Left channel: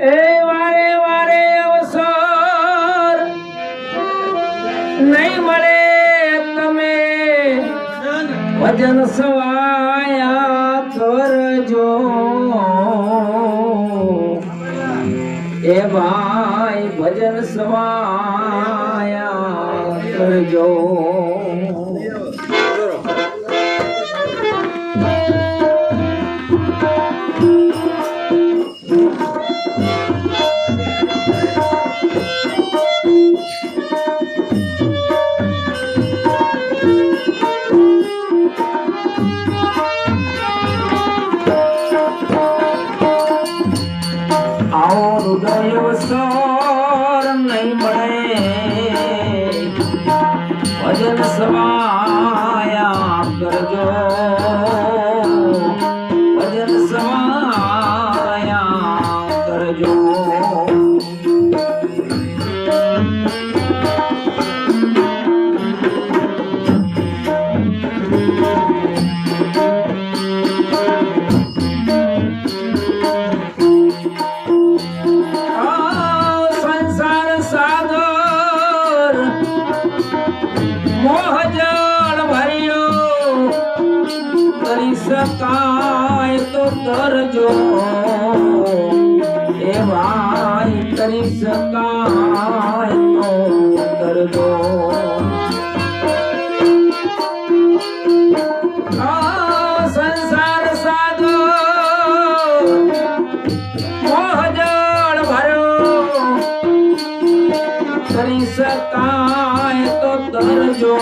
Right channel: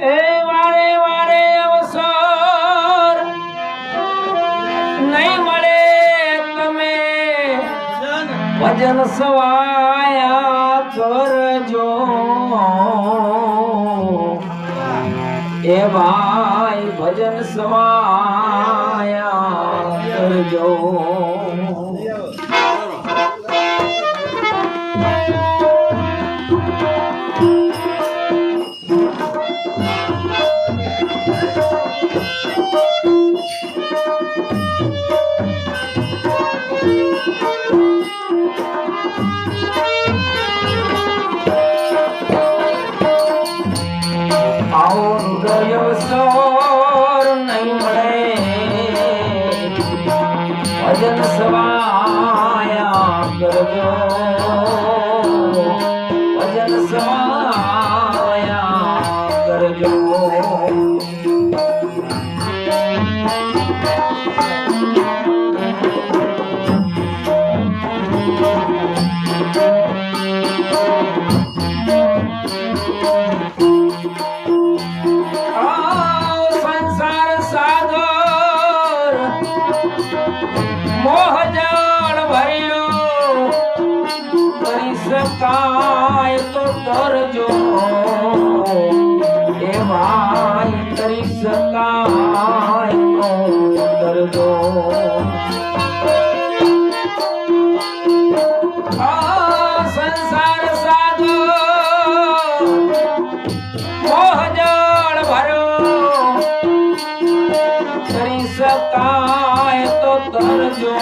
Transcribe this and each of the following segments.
એ વારે વારે અવસર નહીં મળે તમે. ભજન સવાયા કરજો એ ભજન સવાયા કરજો All your love શકાય તો તરજો એ ભાઈ કરી શકાય તો તરજો આ સંસાર સાગર મોહજળ ભરો. કરી શકાય તો તરજો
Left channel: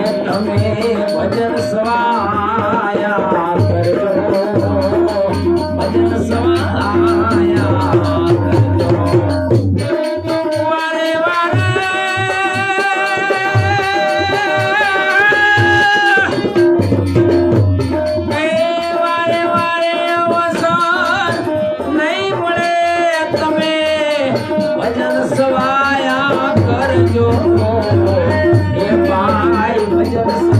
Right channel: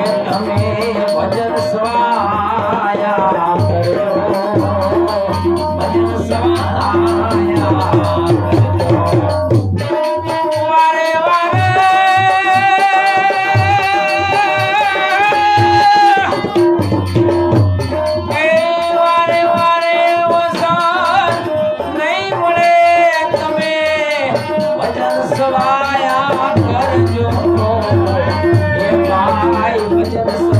એ તમે ભજન સ્વાયા.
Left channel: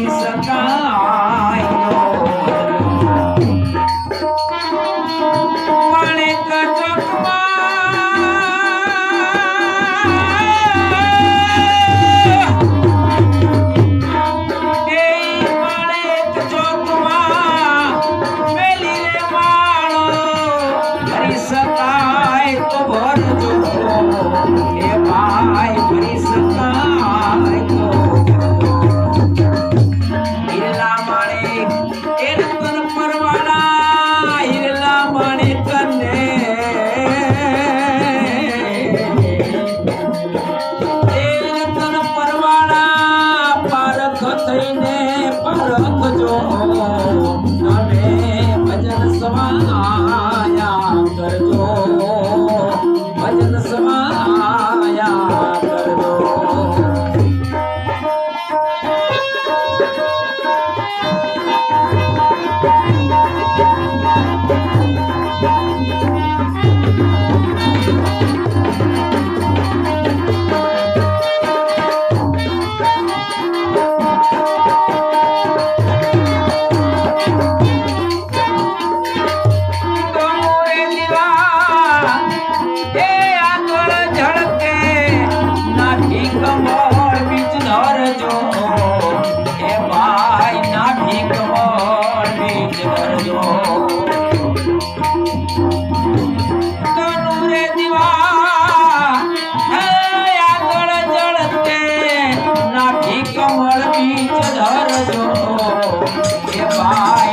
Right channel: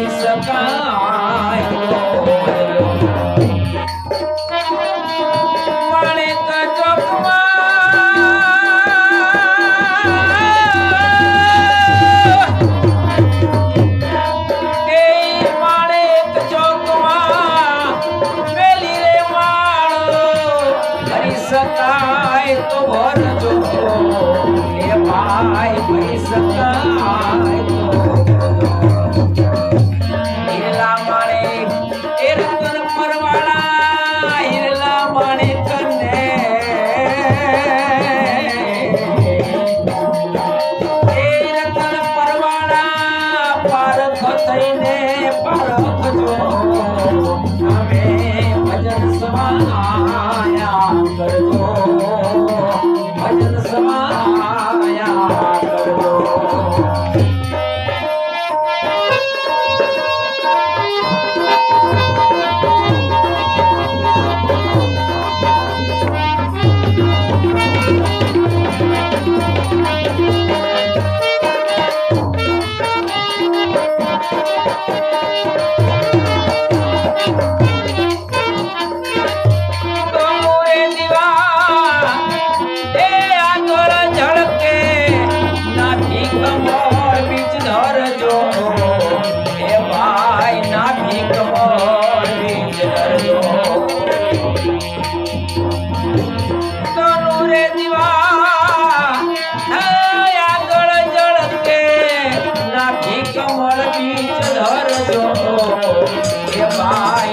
ભરી તો ભરી ભરજો એ ભાઈ ભરી શકાય આગળ ચડતે નાખી ભાઈ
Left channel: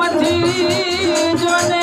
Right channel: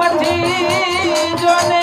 মধ্যে জনে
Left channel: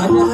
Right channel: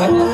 হয়